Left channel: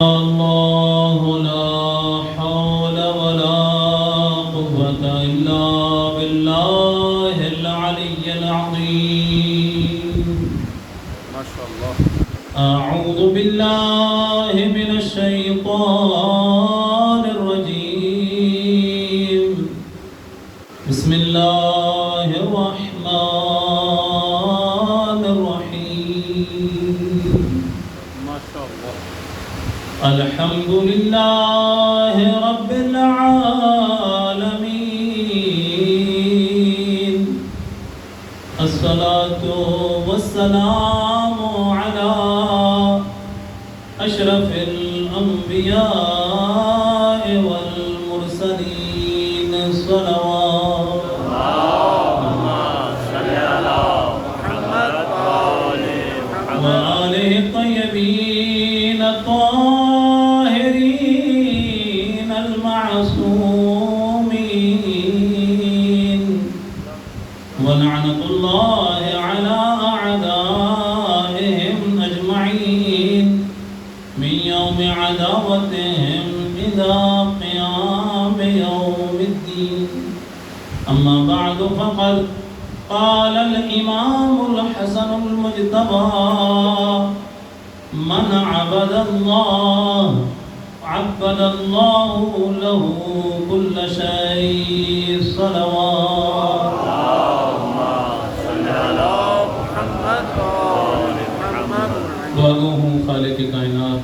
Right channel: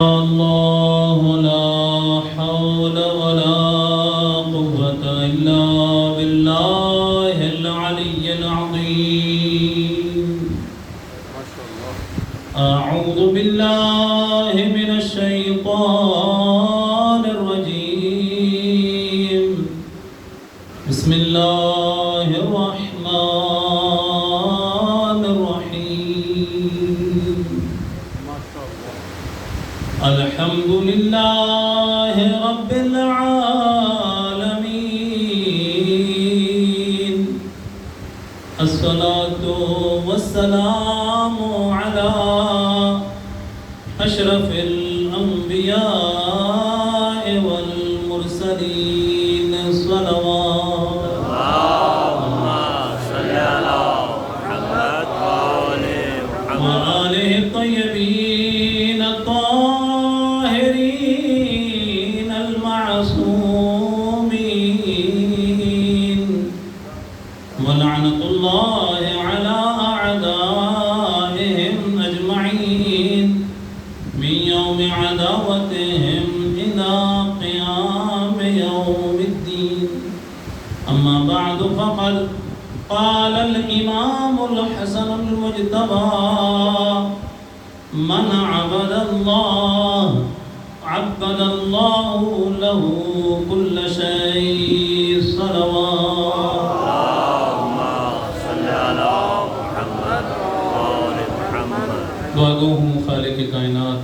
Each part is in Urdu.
الله لا حول ولا قوة إلا بالله العلي العظيم. أعوذ بالله من الشيطان الرجيم. بسم الله الرحمن الرحيم. الحمد لله رب العالمين. الصلاة والسلام على أشرف الأنبياء والمرسلين. صلوات اللهم صل على محمد وآله الطيبين الطاهرين المعصومين. ولعنة الله على أعدائهم أجمعين من يوم عداوتهم إلى قيام يوم الدين. أما بعد فقد قال الإمام الحسن المجتبى: من عبد الله عبد الله له كل شيء. صلوات اللهم صل على محمد وآل محمد. دعا گو ہوں خالق کائنات،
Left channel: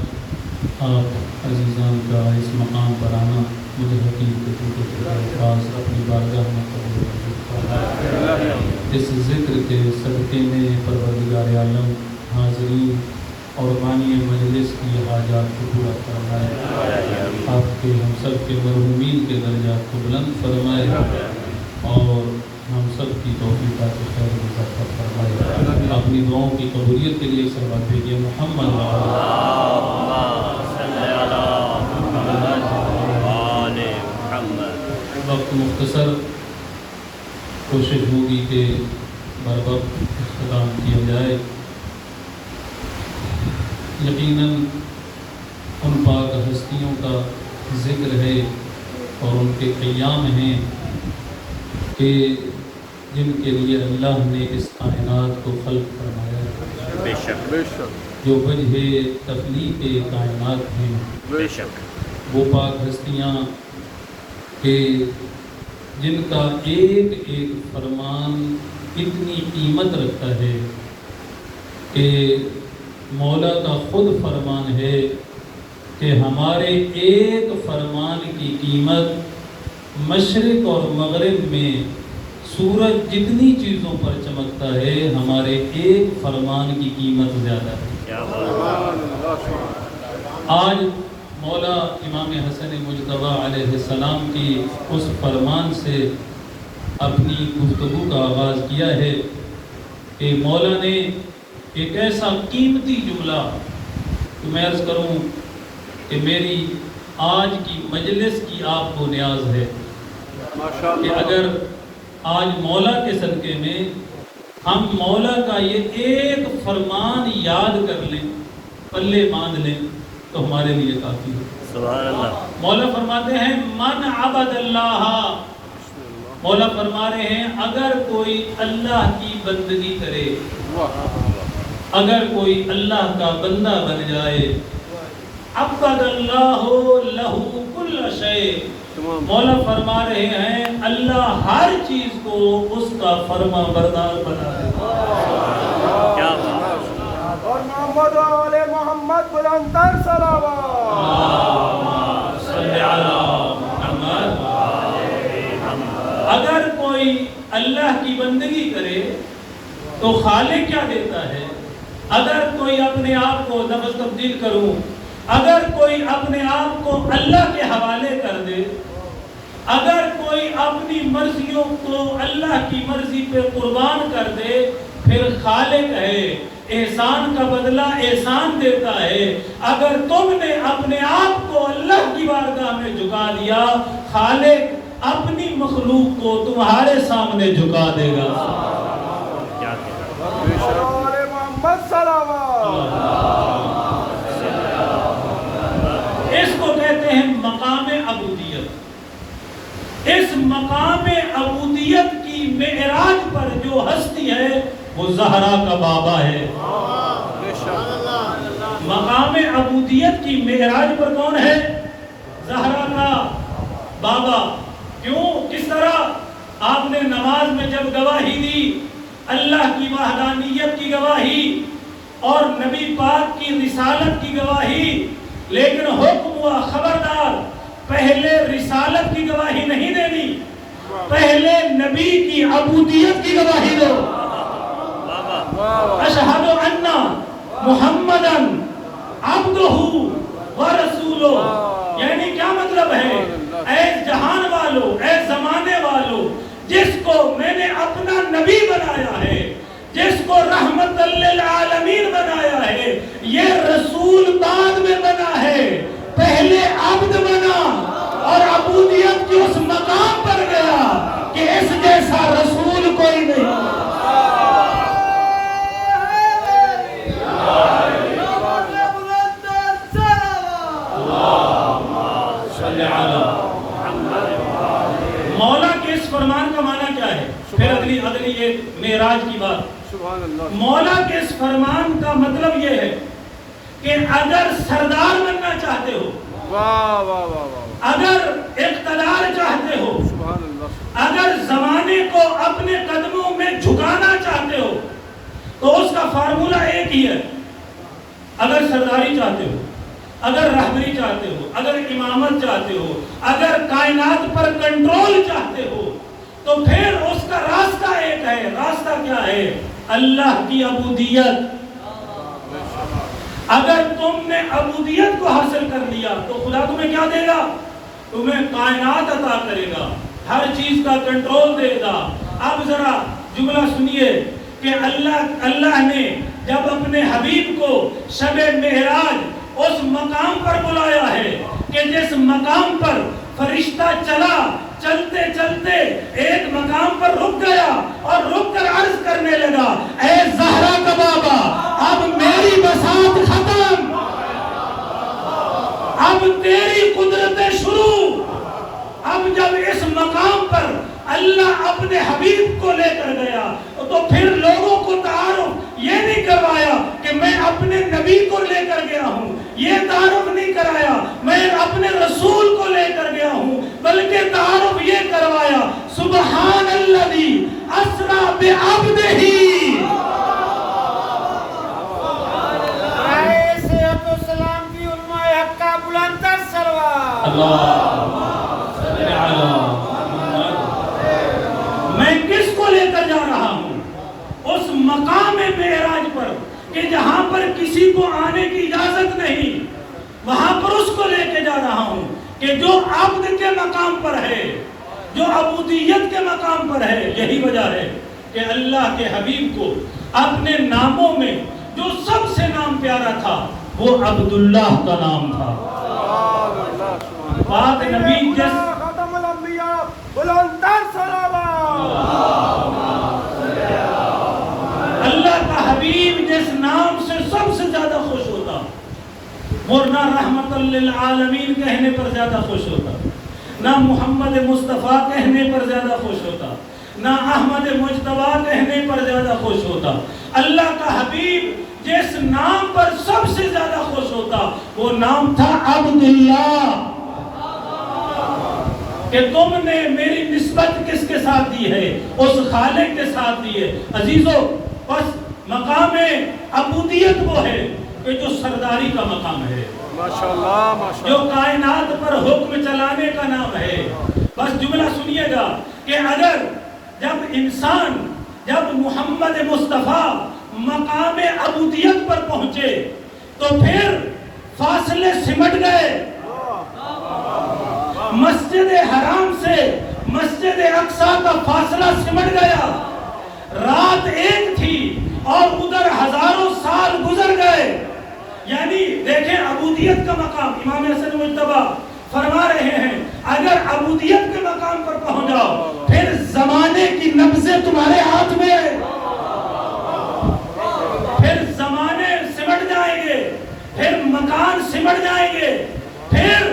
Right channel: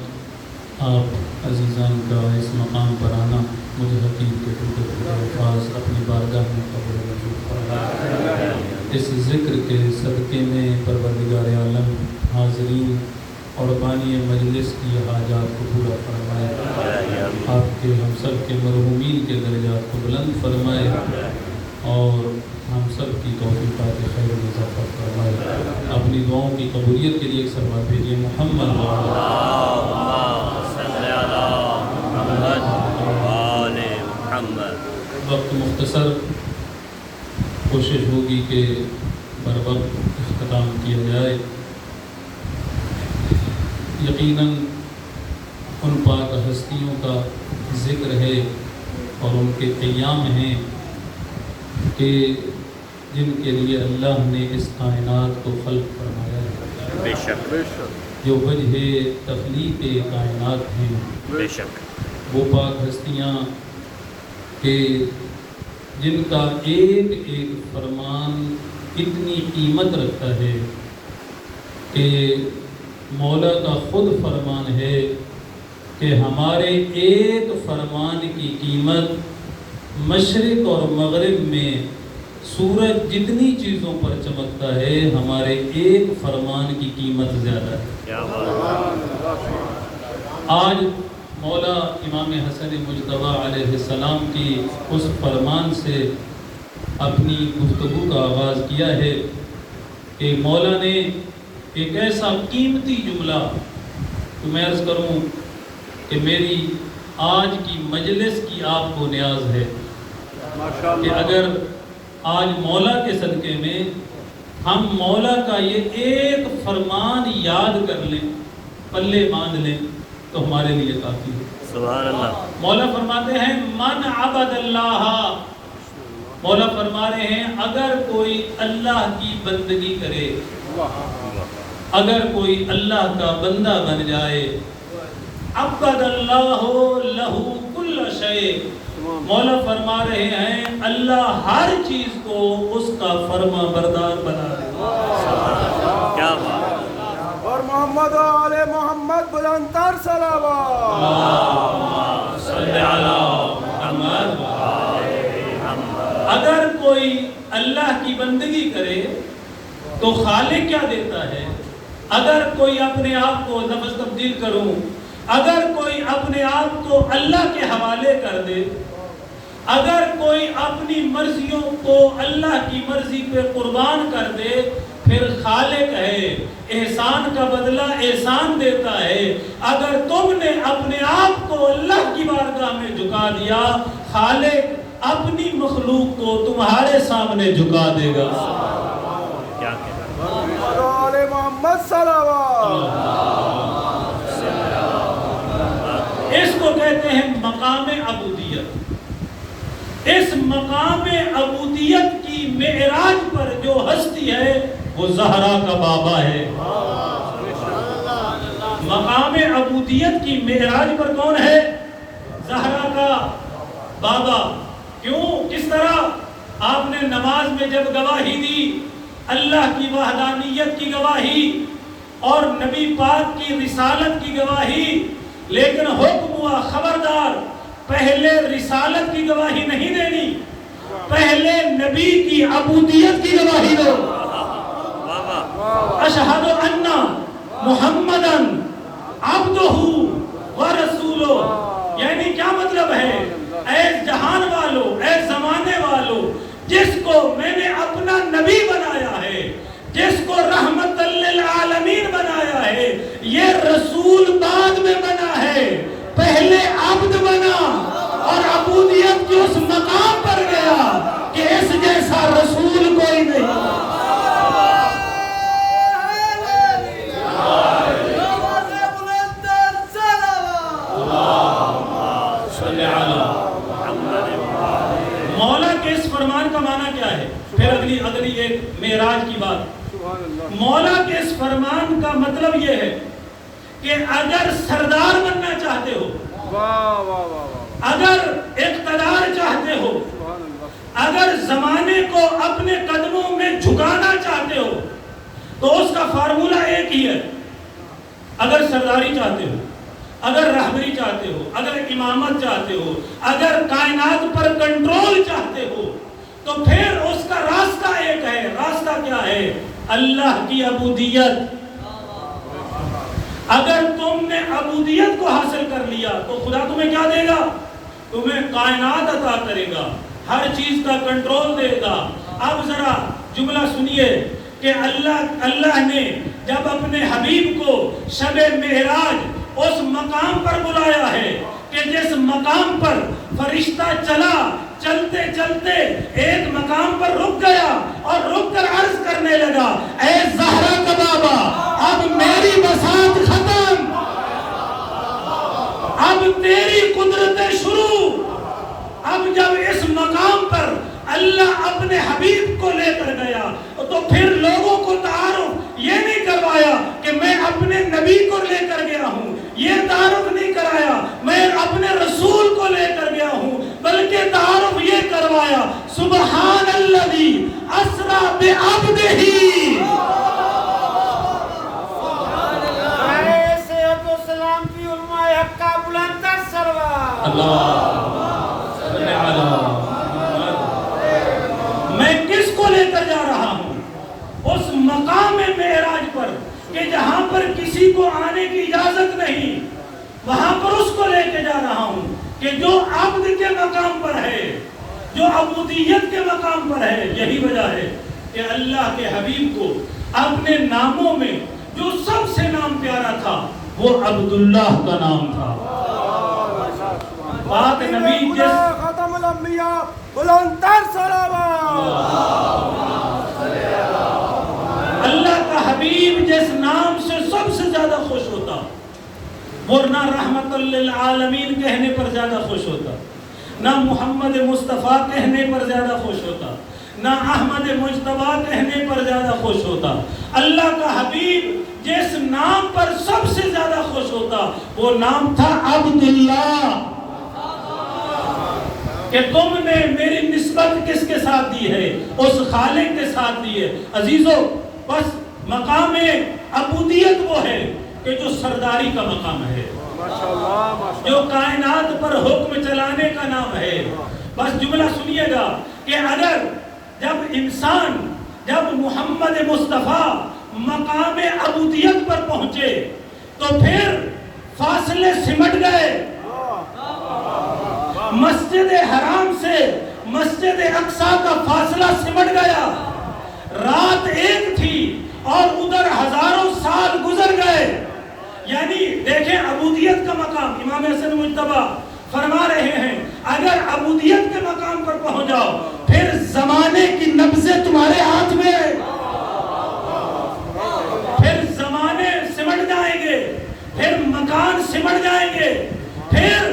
آپ عزیزان کا اس مقام پر آنا مجھے حقیق کے ٹوٹے ٹوٹے الفاظ اپنی بارگاہ میں قبول منظور فرمائے. اس ذکر کے صدقے میں پروردگار عالم حاضرین اور بانی مجلس کی حاجات کو پورا فرمائے. آپ کے ہم سب کے مرحومین کے درجات کو بلند فرمائے اور ہم سب کی توفیقات خیر میں اضافہ فرمائے. اپنی دعاؤں کی قبولیت کے لیے سلوات بھیجیے. محمد اللهم صل على محمد وآل محمد. وقت مختصر، کوشش ہوگی کہ بر وقت اختتام کیا جائے. یقیناً ان پاک ہستیوں کا ذکر ہے اور ان کے ایام ہیں کہ جن کے لیے اللہ نے اس کائنات کو خلق فرمایا ہے. بے شک جو وجہ تخلیق کائنات ہیں، بے شک وہ پاک ہستیاں کہ جن کا ایک ایک فرمان اتنی قیمت رکھتا ہے کہ مولا کا خود فرمان ہے کہ ہمارے ایک فرمان کی قیمت مشرق اور مغرب میں سورج جتنی چیزوں پر چمکتا ہے، ہمارے ایک فرمان کی قیمت زیادہ ہے. آج مولا امام حسن مجتبی علیہ السلام کی اس فرمان سے اپنی گفتگو کا آغاز کیا ہے کہ مولا نے ایک ایسا قیمتی جملہ تو میں عرض کروں کہ میری آج کی مجلس کی آپ کو نیاز ہے کہ اگر آج مولا کے صدقے میں ہم مولا کا یہ ایک فرمان یاد کر لیں، پلے باندھ لیں، تو ہمارے لیے کافی ہے. سبحان اللہ. مولا فرماتے ہیں من عبد اللہ، مولا فرما رہے ہیں اگر کوئی اللہ کی بندگی کرے، اگر کوئی اللہ کا بندہ بن جائے، عبد اللہ لہ کل شیء، مولا فرما رہے ہیں اللہ ہر چیز کو اس کا فرما بردار بنا دے. کیا بات. اور محمد علی محمد بلندر صلوات. اللہم صلی علی محمد. اگر کوئی اللہ کی بندگی کرے تو خالق کیا دیتا ہے؟ اگر کوئی اپنے آپ کو لفظ تبدیل کروں، اگر کوئی اپنے آپ کو اللہ کے حوالے کر دے، اگر کوئی اپنی مرضیوں کو اللہ کی مرضی پہ قربان کر دے، پھر خالق ہے، احسان کا بدلہ احسان دیتا ہے. اگر تم نے اپنے آپ کو اللہ کی بارگاہ میں جھکا دیا، خالق اپنی مخلوق کو تمہارے سامنے جھکا دے گا. محمد صلوات. کہتے ہیں مقام عبودیت۔ اس مقام عبودیت کی معراج پر جو ہستی ہے وہ زہرا کا بابا ہے۔ مقام عبودیت کی معراج پر کون ہے؟ زہرا کا بابا۔ کیوں؟ کس طرح؟ آپ نے نماز میں جب گواہی دی، اللہ کی وحدانیت کی گواہی اور نبی پاک کی رسالت کی گواہی، لیکن حکم ہوا خبردار پہلے رسالت کی گواہی نہیں دینی، پہلے نبی کی عبودیت کی گواہی دو۔ اشہد ان محمدن عبدہ ورسولہ، یعنی کیا مطلب ہے؟ اے جہان والو، اے زمانے والو، جس کو میں نے اپنا نبی بنایا ہے، جس کو رحمت للعالمین بنایا ہے، یہ رسول بعد میں بنا ہے، پہلے عبد بنا اور عبودیت کی اس مقام پر گیا کہ اس جیسا رسول کوئی نہیں۔ مولا کے اس فرمان کا معنی کیا ہے؟ پھر اگلی ایک معراج کی بات۔ مولا کے اس فرمان کا مطلب یہ ہے کہ اگر سردار بننا چاہتے ہو، اگر اقتدار چاہتے ہو، اگر زمانے کو اپنے قدموں میں جھکانا چاہتے ہو، تو اس کا فارمولہ ایک ہی ہے۔ اگر سرداری چاہتے ہو، اگر رہبری چاہتے ہو، اگر امامت چاہتے ہو، اگر کائنات پر کنٹرول چاہتے ہو، تو پھر اس کا راستہ ایک ہے۔ راستہ کیا ہے؟ اللہ کی عبودیت۔ اگر تم نے عبودیت کو حاصل کر لیا تو خدا تمہیں کیا دے گا؟ تمہیں کائنات عطا کرے گا، ہر چیز کا کنٹرول دے گا۔ اب ذرا جملہ سنیے کہ اللہ نے جب اپنے حبیب کو شب معراج اس مقام پر بلایا ہے کہ جس مقام پر فرشتہ چلتے چلتے ایک مقام پر رک گیا اور رک کر عرض کرنے لگا، اے زہرا کا بابا، اب میری بساط ختم، اب تیری قدرتیں شروع۔ اب جب اس مقام پر اللہ اپنے حبیب کو لے کر گیا تو پھر لوگوں کو تعارف یہ نہیں کروایا کہ میں اپنے نبی کو لے کر گیا ہوں، یہ تعارف نہیں کرایا میں اپنے رسول کو لے کر گیا ہوں، بلکہ تعارف یہ کروایا، سبحان الذی اسری بعبدہ۔ السلام کی علماء حق کا بلند تر سلوات۔ میں کس کو لے کر جا رہا ہوں؟ اس مقام معراج پر کہ جہاں پر کسی کو آنے کی اجازت نہیں، وہاں پر اس کو لے کے جا رہا ہوں کہ جو عبد کے مقام پر ہے، جو عبودیت کے مقام پر ہے۔ یہی وجہ ہے کہ اللہ کے حبیب کو اپنے ناموں میں جو سب سے نام پیارا تھا وہ عبداللہ کا نام تھا۔ پاک نبی جس ختم الانبیاء بلند تر سلوات۔ اللہ کا حبیب جس نام سے سب سے زیادہ خوش ہوتا، وہ نہ رحمت للعالمین کہنے پر زیادہ خوش ہوتا، نہ محمد مصطفیٰ کہنے پر زیادہ خوش ہوتا، نہ احمد مجتبیٰ کہنے پر زیادہ خوش ہوتا۔ اللہ کا حبیب جس نام پر سب سے زیادہ خوش ہوتا وہ نام تھا عبداللہ، کہ تم نے میری نسبت کس کے ساتھ دی ہے؟ اس خالق کے ساتھ دی ہے۔ عزیزو، بس مقام عبودیت وہ ہے کہ جو سرداری کا مقام ہے، جو کائنات پر حکم چلانے کا نام ہے۔ بس جملہ سنیے گا کہ اگر جب محمد مصطفیٰ مقام عبودیت پر پہنچے تو پھر فاصلے سمٹ گئے، مسجد حرام سے مسجد اقصی کا فاصلہ سمٹ گیا۔ رات ایک تھی اور ادھر ہزاروں سال گزر گئے۔ یعنی دیکھیں عبودیت کا مقام، امام حسن مجتبی فرما رہے ہیں اگر عبودیت کے مقام پر پہنچ جاؤ پھر زمانے کی نبضیں تمہارے ہاتھ میں، پھر زمانے سمٹ جائیں گے، پھر مکان سمٹ جائیں گے، پھر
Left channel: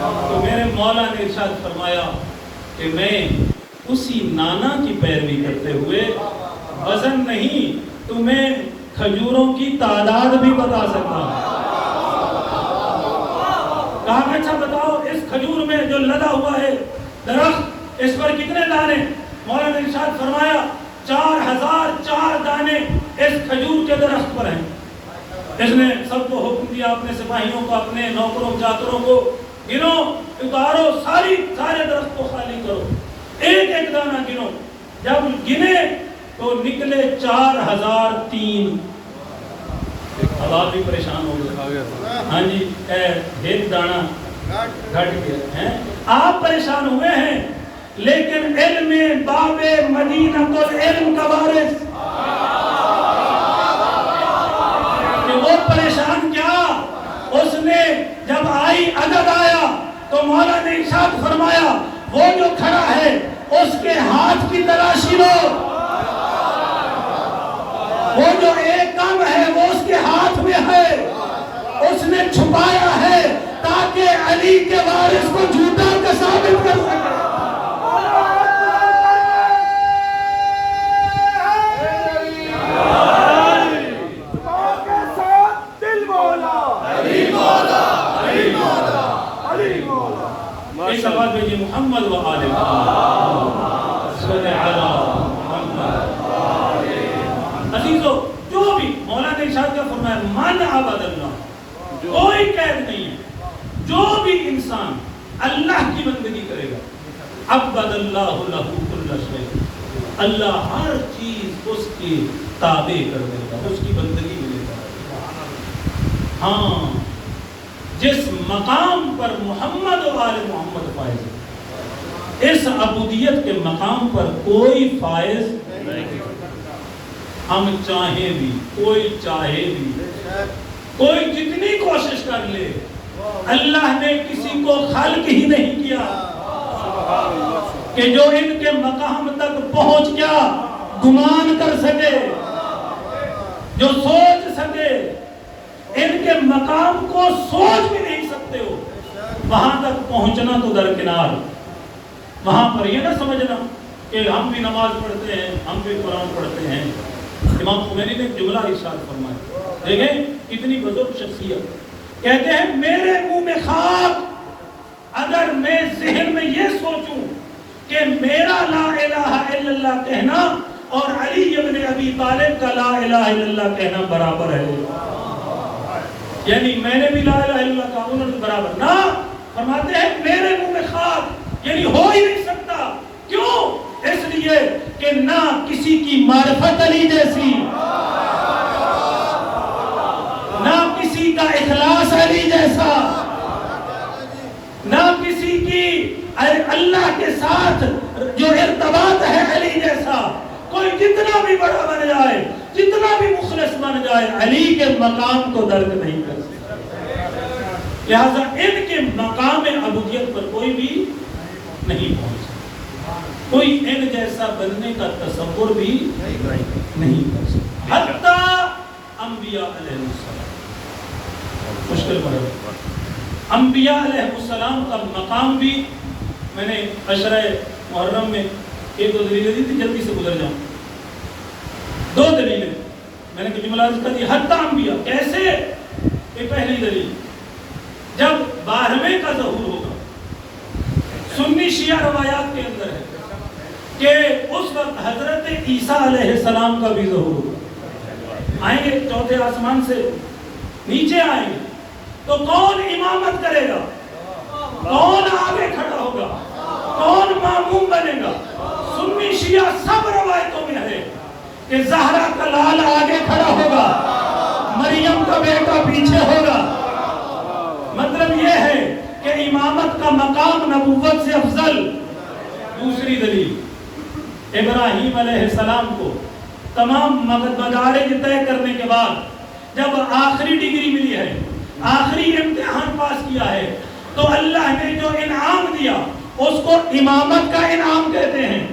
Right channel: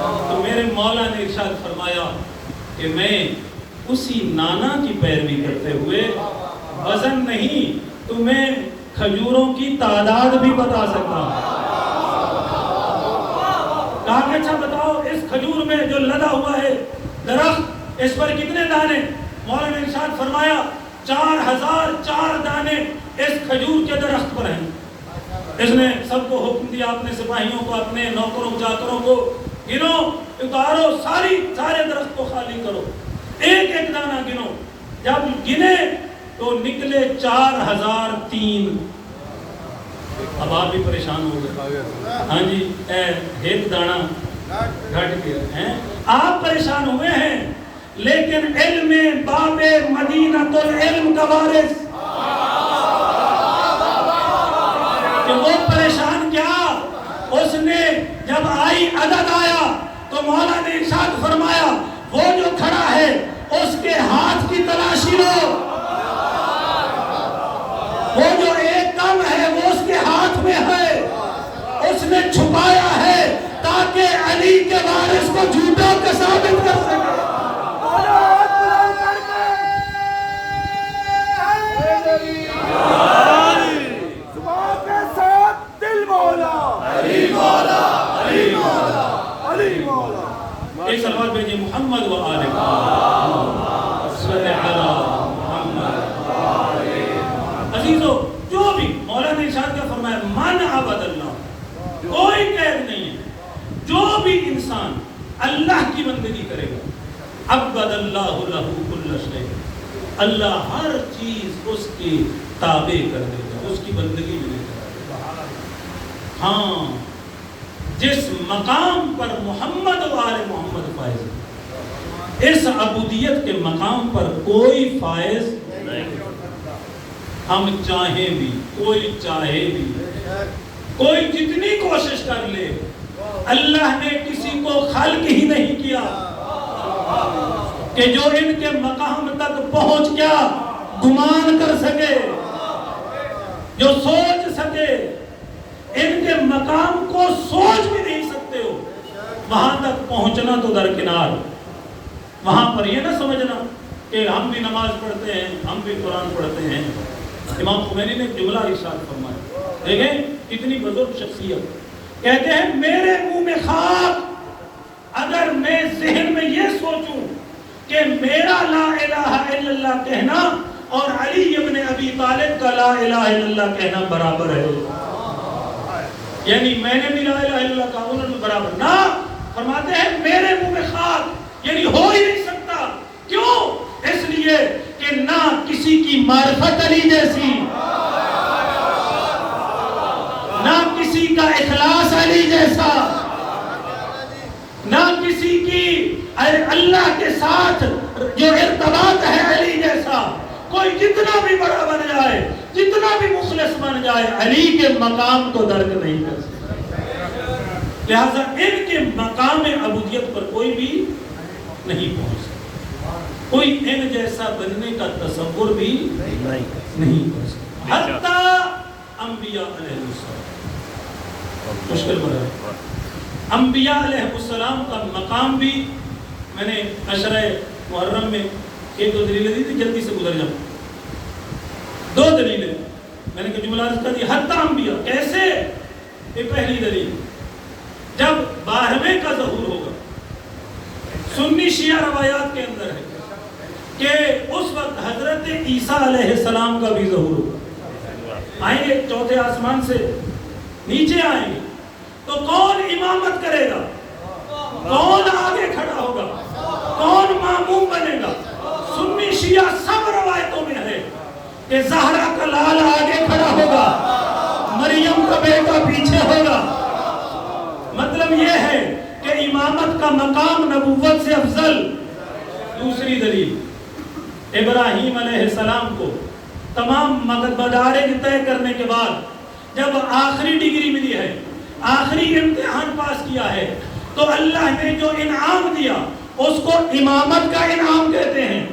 تو میرے مولا نے ارشاد فرمایا کہ میں اسی نانا کی پیروی کرتے ہوئے وزن نہیں تمہیں کھجوروں کی تعداد بھی بتا سکتا ہوں. کہا اچھا بتاؤ اس کھجور میں جو لگا ہوا ہے درخت اس پر کتنے دانے؟ مولا نے ارشاد فرمایا 4004 دانے اس کھجور کے درخت پر ہیں. اس نے سب کو حکم دیا اپنے سپاہیوں کو اپنے نوکروں چاکروں کو گنو اتارو سارے درخت کو خالی کرو ایک ایک دانہ گنو. جب گنے تو نکلے 4003. اب آپ بھی پریشان ہو گئے. ہاں جی ایک دانہ گھٹ گیا ہے. آپ پریشان ہوئے ہیں لیکن علم باب مدینہ العلم کا وارث کہ وہ پریشان کیا. اس نے جب عدد آیا تو مولا نے ارشاد فرمایا وہ جو کھڑا ہے اس کے ہاتھ کی تلاشی لو. وہ جو ایک کم ہے وہ اس کے ہاتھ میں ہے. اس نے چھپایا ہے تاکہ علی کے وارث کو جھوٹا کا ثابت کر سکے. اس آواز میں محمد و آل محمد صلی اللہ عزیزو جو بھی مولا نے ارشاد کا فرمایا من عبد اللہ کوئی قید نہیں ہے. جو بھی انسان اللہ کی بندگی کرے گا عبد اللہ لہ کل شیء اللہ ہر چیز اس کی تابع کر دے گا اس کی بندگی میں لے گا. ہاں جس مقام پر محمد و آل محمد فائز ہے اس عبودیت کے مقام پر کوئی فائز ہم چاہیں بھی کوئی چاہے بھی کوئی جتنی کوشش کر لے اللہ نے کسی کو خلق ہی نہیں کیا کہ جو ان کے مقام تک پہنچ گیا گمان کر سکے جو سوچ سکے. ان کے مقام کو سوچ بھی نہیں سکتے ہو. وہاں تک پہنچنا تو درکنار. وہاں پر یہ نہ سمجھنا کہ ہم بھی نماز پڑھتے ہیں ہم بھی قرآن پڑھتے ہیں. امام خمینی نے جملہ ارشاد فرمایا دیکھیں کتنی بزرگ شخصیت کہتے ہیں میرے منہ میں خاک اگر میں ذہن میں یہ سوچوں کہ میرا لا الہ الا اللہ کہنا اور علی ابن ابی طالب کا لا الہ الا اللہ کہنا برابر ہے یعنی میں نے بھی لا الہ الا اللہ کہا انہوں نے برابر نہ فرماتے ہیں میرے منہ میں خاک یعنی ہو ہی نہیں سکتا. کیوں؟ اس لیے کہ نہ کسی کی معرفت علی جیسی نہ کسی کا اخلاص علی جیسا نہ کسی کی اللہ کے ساتھ جو ارتباط ہے علی جیسا. کوئی جتنا بھی بڑا بن جائے جتنا بھی مخلص بن جائے علی کے مقام کو درک نہیں کر سکتا. لہذا ان کے مقام عبودیت پر کوئی بھی نہیں پہنچ سکتا. کوئی ان جیسا بننے کا تصور بھی نہیں کر سکتا. حتیٰ انبیاء علیہ السلام مشکل پر ہے. انبیاء علیہ السلام کا مقام بھی میں نے عشرہ محرم میں ایک دو دلیلیں دی تھی جلدی سے گزر جاؤں. دو دلیلیں میں نے جملہ کر دی. حتیٰ انبیاء کیسے؟ یہ پہلی دلیل جب 12ویں کا ظہور ہوگا سنی شیعہ روایات کے اندر ہے کہ اس وقت حضرت عیسیٰ علیہ السلام کا بھی ظہور ہوگا. آئیں گے چوتھے آسمان سے نیچے آئیں گے تو کون امامت کرے گا؟ کون آگے کھڑا ہوگا؟ کون ماموم بنے گا؟ سنی شیعہ سب روایتوں میں ہے کہ زہرا کا لال آگے کھڑا ہوگا مریم کا بیٹا پیچھے ہوگا. مطلب یہ ہے کہ امامت کا مقام نبوت سے افضل. دوسری دلیل ابراہیم علیہ السلام کو تمام مدارج طے کرنے کے بعد جب آخری ڈگری ملی ہے آخری امتحان پاس کیا ہے تو اللہ نے جو انعام دیا اس کو امامت کا انعام کہتے ہیں.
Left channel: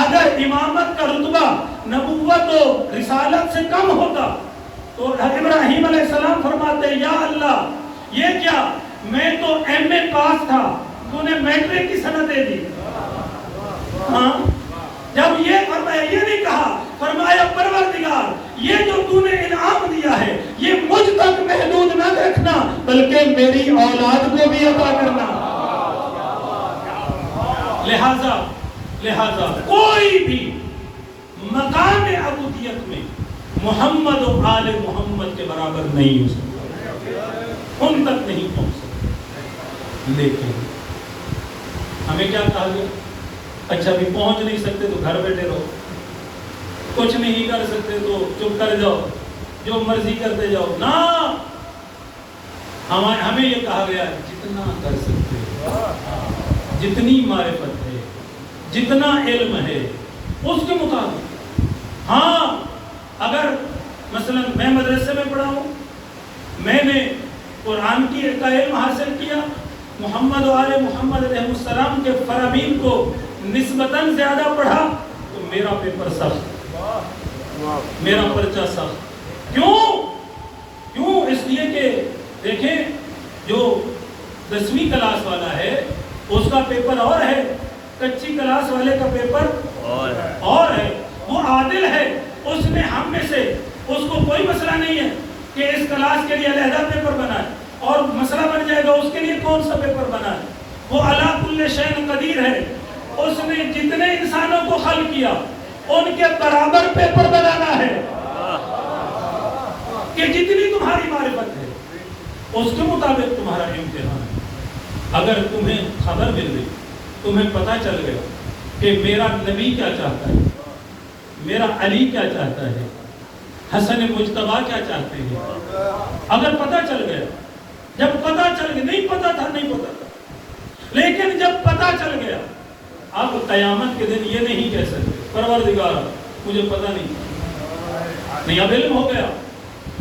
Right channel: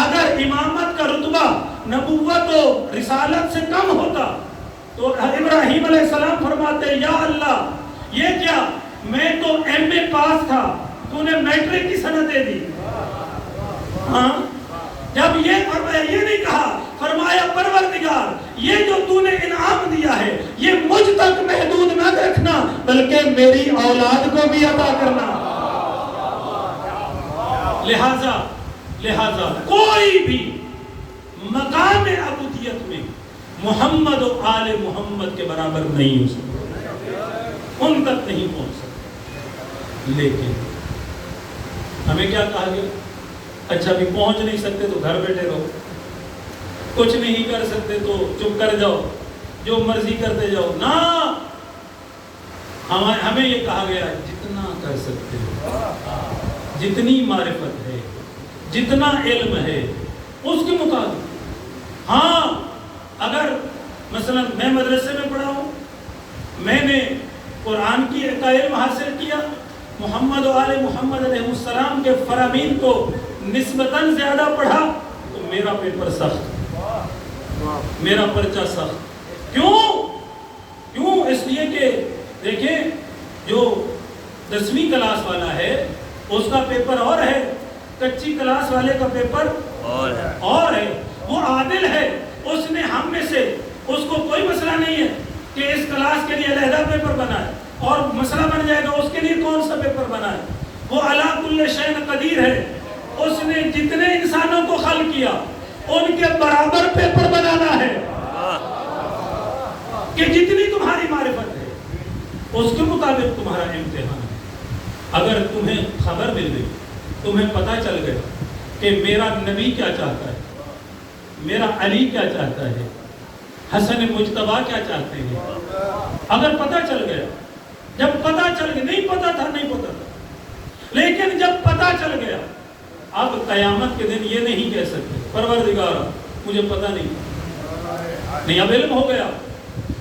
اگر امامت کا رتبہ نبوت و رسالت سے کم ہوتا تو ابراہیم علیہ السلام فرماتے یا اللہ یہ کیا میں تو ایم اے پاس تھا، تو نے میٹرک کی سندیں دی. ہاں جب یہ فرمایا، یہ نہیں کہا، فرمایا پروردگار یہ جو تو نے انعام دیا ہے یہ مجھ تک محدود نہ رکھنا بلکہ میری اولاد کو بھی عطا کرنا. لہذا کوئی بھی مقام عبودیت میں محمد و آل محمد کے برابر نہیں ہو سکتا، ان تک نہیں پہنچ سکتا. لیکن ہمیں کیا کہا گیا؟ اچھا بھی پہنچ نہیں سکتے تو گھر بیٹھے رہو، کچھ نہیں کر سکتے تو چپ کر جاؤ، جو مرضی کرتے جاؤ. نہ، ہمیں یہ کہا گیا جتنا کر سکتے ہو، جتنی معرفت ہے، جتنا علم ہے اس کے مطابق. ہاں اگر مثلا میں مدرسے میں پڑھا ہوں، میں نے قرآن کی کا علم حاصل کیا، محمد و آل محمد علیہ السلام کے فرامین کو نسبتاً زیادہ پڑھا، تو میرا پیپر سخت، میرا پرچہ سخت. کیوں؟ اس لیے کہ دیکھیں جو 10ویں کلاس والا ہے اس کا پیپر اور ہے، کچی کلاس والے کا پیپر اور ہے. وہ عادل ہے، اس نے ہم میں سے، اس کو کوئی مسئلہ نہیں ہے کہ اس کلاس کے لیے علیحدہ پیپر بنائے، اور مسئلہ بن جائے گا اس کے لیے کون سا پیپر بنائے. وہ علی کل شیء قدیر ہے، اس نے جتنے انسانوں کو خلق کیا ان کے برابر پیپر بنانا ہے کہ جتنی تمہاری معرفت ہے اس کے مطابق تمہارا امتحان ہے. اگر تمہیں خبر مل گئی، تمہیں پتہ چل گیا کہ میرا نبی کیا چاہتا ہے، میرا علی کیا چاہتا ہے، حسن مجتبیٰ کیا چاہتے ہیں، اگر پتہ چل گیا، جب پتہ چل گیا، نہیں پتہ تھا، لیکن جب پتہ چل گیا، اب قیامت کے دن یہ نہیں کہہ سکتے پروردگار مجھے پتہ نہیں، اب علم ہو گیا.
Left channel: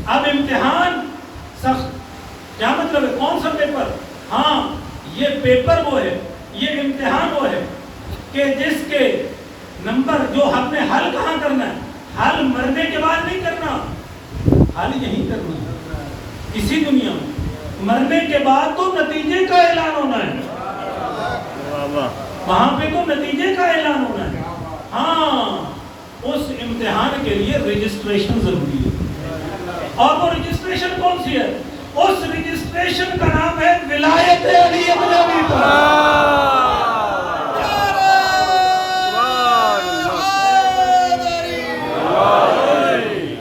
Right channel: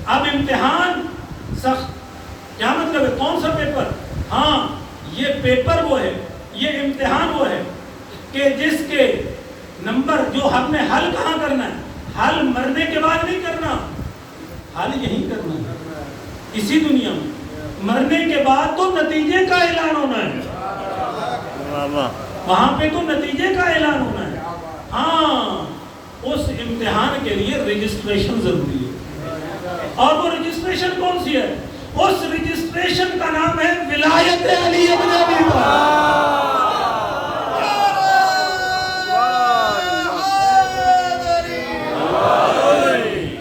اب امتحان سخت. کیا مطلب ہے؟ کون سا پیپر؟ ہاں یہ پیپر وہ ہے، یہ امتحان وہ ہے کہ جس کے نمبر جو ہم نے حل کہاں کرنا ہے، حل مرنے کے بعد نہیں کرنا، حل یہی کرنا ہے اسی دنیا میں. مرنے کے بعد تو نتیجے کا اعلان ہونا ہے، وہاں پہ تو نتیجے کا اعلان ہونا ہے. ہاں اس امتحان کے لیے رجسٹریشن ضروری ہے، اور وہ رجسٹریشن kon سی ہے؟ اس رجسٹریشن کا نام ہے ولایت علی ابن ابی طالب.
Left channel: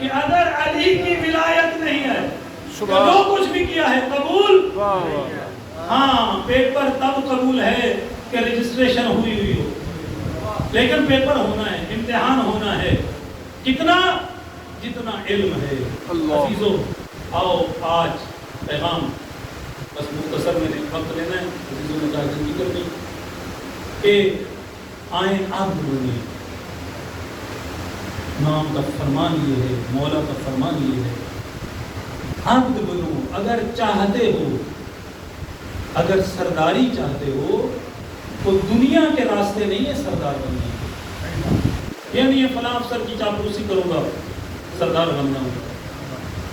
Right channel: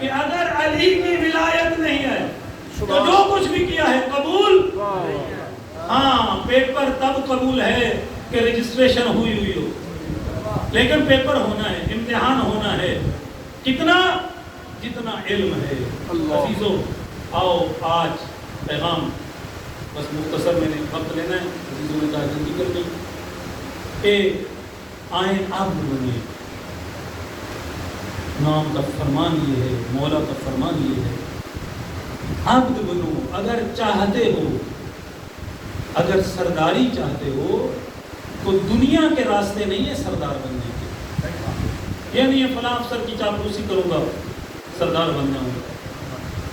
کہ اگر علی کی ولایت نہیں ہے تو جو کچھ بھی کیا ہے قبول. ہاں پیپر تب قبول ہے کہ رجسٹریشن ہوئی ہو، لیکن پیپر ہونا ہے، امتحان ہونا ہے. کتنا؟ جتنا علم ہے. عزیزو آؤ آج پیغام بس مختصر میں وقت لینا ہے. عزیزوں نے کہا کہ ذکر نہیں کہ آئیں عبد بنیں. امام کا فرمان یہ ہے، مولا کا فرمان یہ ہے، عبد بنو. اگر چاہتے ہو، اگر سرداری چاہتے ہو تو دنیا کے راستے نہیں ہے سردار بننے کے. یہ نہیں ہے فلاں افسر کی چاپلوسی کروں گا سردار بننا ہے،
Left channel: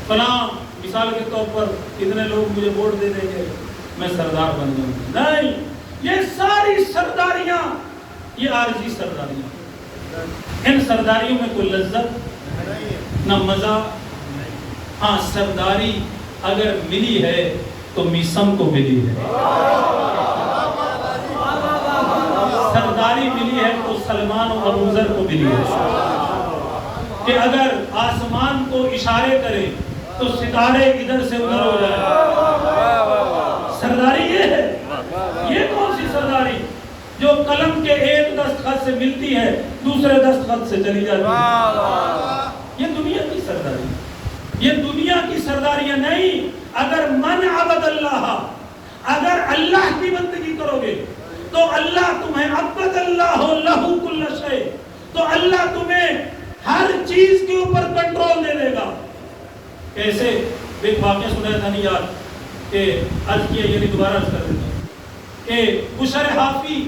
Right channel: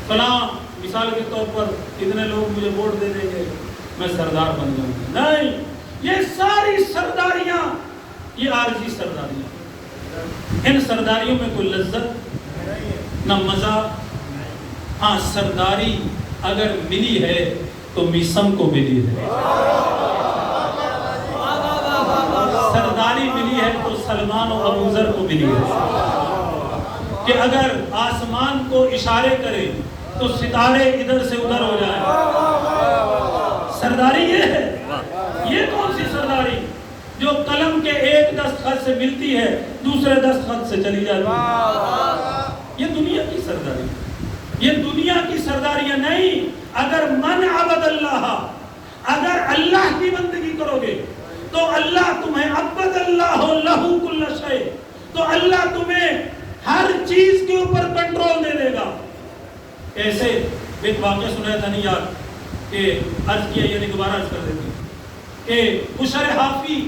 فلاں مثال کے طور پر کتنے لوگ مجھے ووٹ دے دیں گے میں سردار بن جاؤں گا. نہیں، یہ ساری سرداریاں یہ عارضی سرداریاں. ان سرداریوں میں کوئی لذت نہ مزہ. ہاں سرداری اگر ملی ہے تو میسم کو ملی ہے، سرداری ملی ہے تو سلمان و ابوذر کو ملی ہے کہ اگر آسمان کو اشارے کرے تو ستارے ادھر سے ادھر ہو جائیں. سرداری یہ ہے. یہ کون سی سرداری جو قلم کے ایک دستخط سے ملتی ہے دوسرے دستخط سے چلی جاتی ہے؟ یہ دنیا کی سرداری، یہ دنیا کی سرداریاں نہیں. اگر من عبد اللہ، اگر اللہ کی بندگی کرو گے تو اللہ تمہیں عبد اللہ لہ کل شیء، تو اللہ تمہیں ہر چیز کے اوپر کنٹرول دے دے گا. کیسے؟ ایک واقعہ سنایا تھا نہیں یاد کہ عرض کیا، یعنی دوبارہ عرض کر دیتا ہوں کہ بشر حافی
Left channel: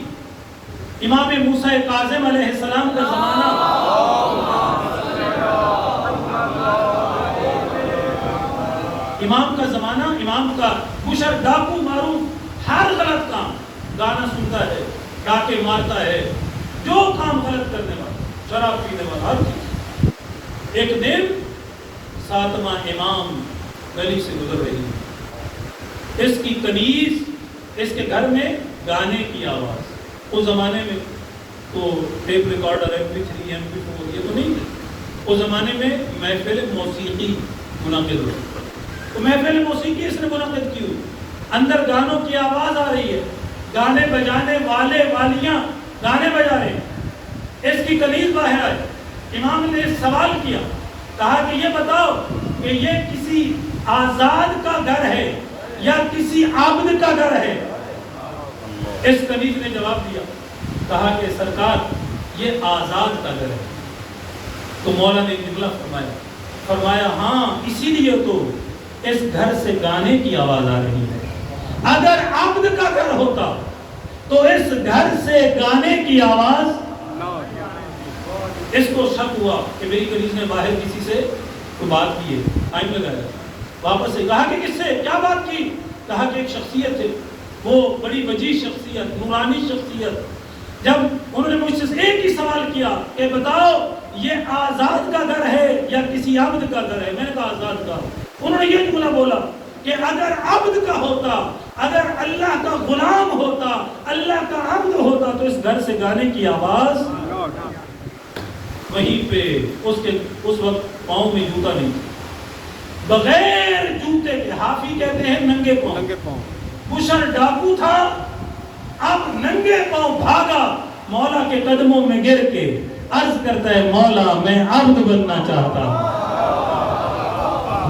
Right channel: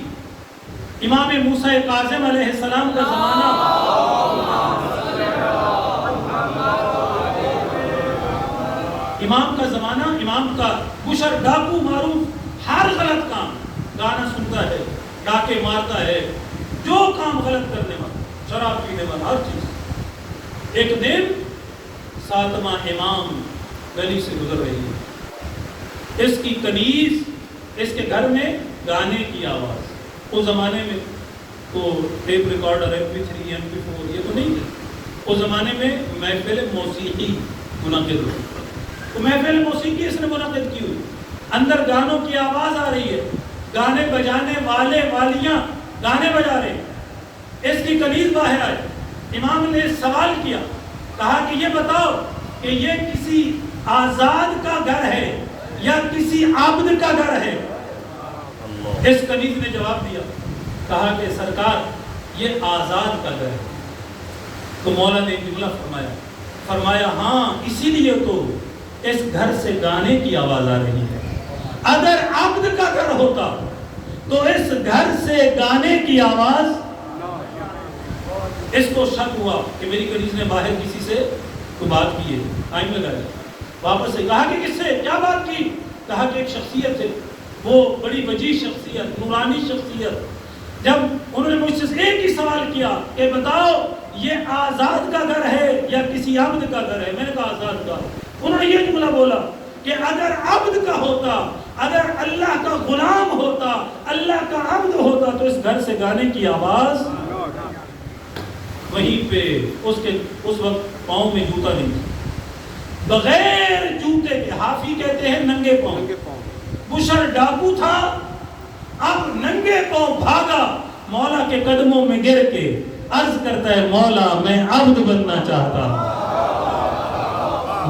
امام موسیٰ کاظم علیہ السلام کا زمانہ، امام کا زمانہ، امام کا بشر ڈاکو معروف، ہر غلط کام، گانا سنتا ہے، ڈاکے مارتا ہے، جو کام غلط کرنے والا، شراب پینے والا، ہر چیز۔ ایک دن 7واں امام گلی سے گزر رہی ہے، اس کی کنیز، اس کے گھر میں گانے کی آواز۔ اس زمانے میں تو ٹیپ ریکارڈر، MP3 MP4 یہ تو نہیں تھے، اس زمانے میں محفل موسیقی منعقد ہوئی، تو محفل موسیقی اس نے منعقد کی ہوئی، اندر گانوں کی آواز آ رہی ہے، گانے بجانے والے والیاں گانے بجا رہے ہیں، اس کی کنیز باہر آئی۔ امام نے سوال کیا، کہا کہ یہ بتاؤ کہ یہ کسی آزاد کا گھر ہے یا کسی عابد کا گھر ہے؟ اس کنیز نے جواب دیا، کہا کہ سرکار یہ آزاد کا گھر ہے۔ تو مولا نے جملہ فرمایا ہاں اسی لیے تو اس گھر سے گانے کی آواز آ رہی ہے، اگر عبد کا گھر ہوتا تو اس گھر سے گانے کی آواز۔ اس کو شک ہوا کہ میری کنیز نے باہر کسی سے کوئی بات کی ہے، ٹائم لگایا، واپس سے کہا کہ کس سے کیا بات کی؟ کہا کہ ایک شخصیت ہے، وہ بڑی وجیح شخصیت، نورانی شخصیت۔ جب انہوں نے مجھ سے ایک ہی سوال کیا کہ بتاؤ یہ آزاد کا گھر ہے یا کسی عبد کا گھر ہے؟ میں نے کہا آزاد کا۔ انہوں نے یہ جملہ بولا کہ اگر عبد کا ہوتا، اگر اللہ کا غلام ہوتا، اللہ کا عبد ہوتا تو اس گھر سے گانے کی آواز۔ وہیں پہ اس وقت پاؤں میں جوتا نہیں، بغیر جوتے کے، حافی کہتے ہیں ننگے پاؤں، بشر ڈاکو تھا، اب ننگے پاؤں بھاگا مولا کے قدموں میں گر کے، عرض کرتا ہے مولا میں عبد بننا چاہتا ہوں،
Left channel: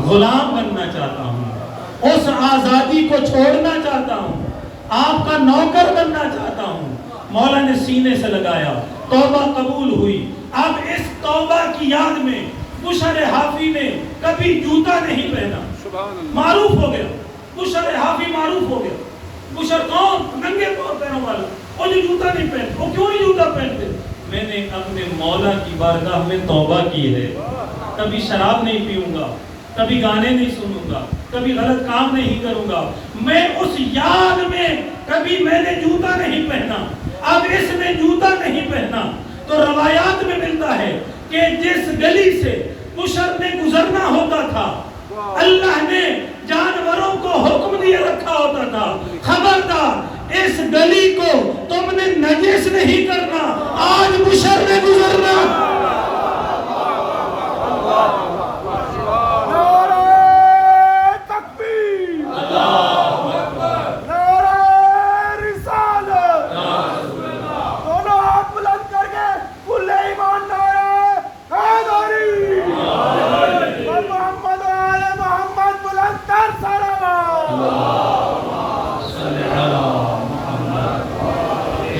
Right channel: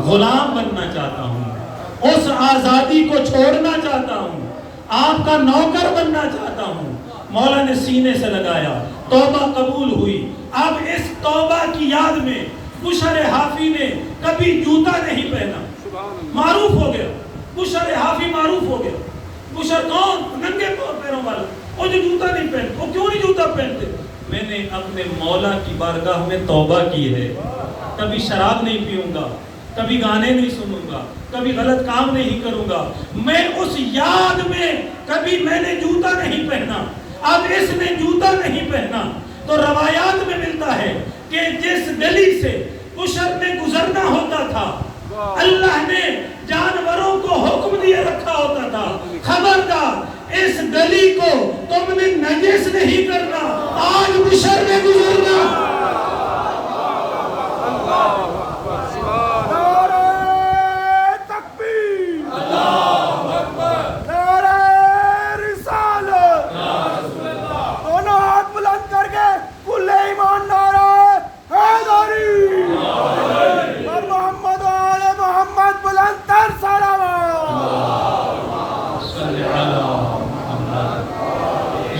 غلام بننا چاہتا ہوں، اس آزادی کو چھوڑنا چاہتا ہوں، آپ کا نوکر بننا چاہتا ہوں۔ مولا نے سینے سے لگایا، توبہ قبول ہوئی۔ اب اس توبہ کی یاد میں بشر حافی نے کبھی جوتا نہیں پہنا، معروف ہو گیا، بشر حافی معروف ہو گیا۔ بشر کون؟ ننگے پیروں والا، وہ جو جوتا نہیں پہنتے۔ وہ کیوں نہیں جوتا پہنتے؟ میں نے اپنے مولا کی بارگاہ میں توبہ کی ہے، کبھی شراب نہیں پیوں گا، کبھی گانے نہیں سنوں گا، کبھی غلط کام نہیں کروں گا۔ میں اس یاد میں کبھی میں نے جوتا نہیں پہنا، اب اس نے جوتا نہیں پہنا۔ تو روایات میں ملتا ہے کہ جس گلی سے بشر نے گزرنا ہوتا تھا، اللہ نے جانوروں کو حکم دیا رکھا ہوتا تھا، خبردار اس گلی کو تم نے نجس نہیں کرنا، آج بشر نے گزرنا۔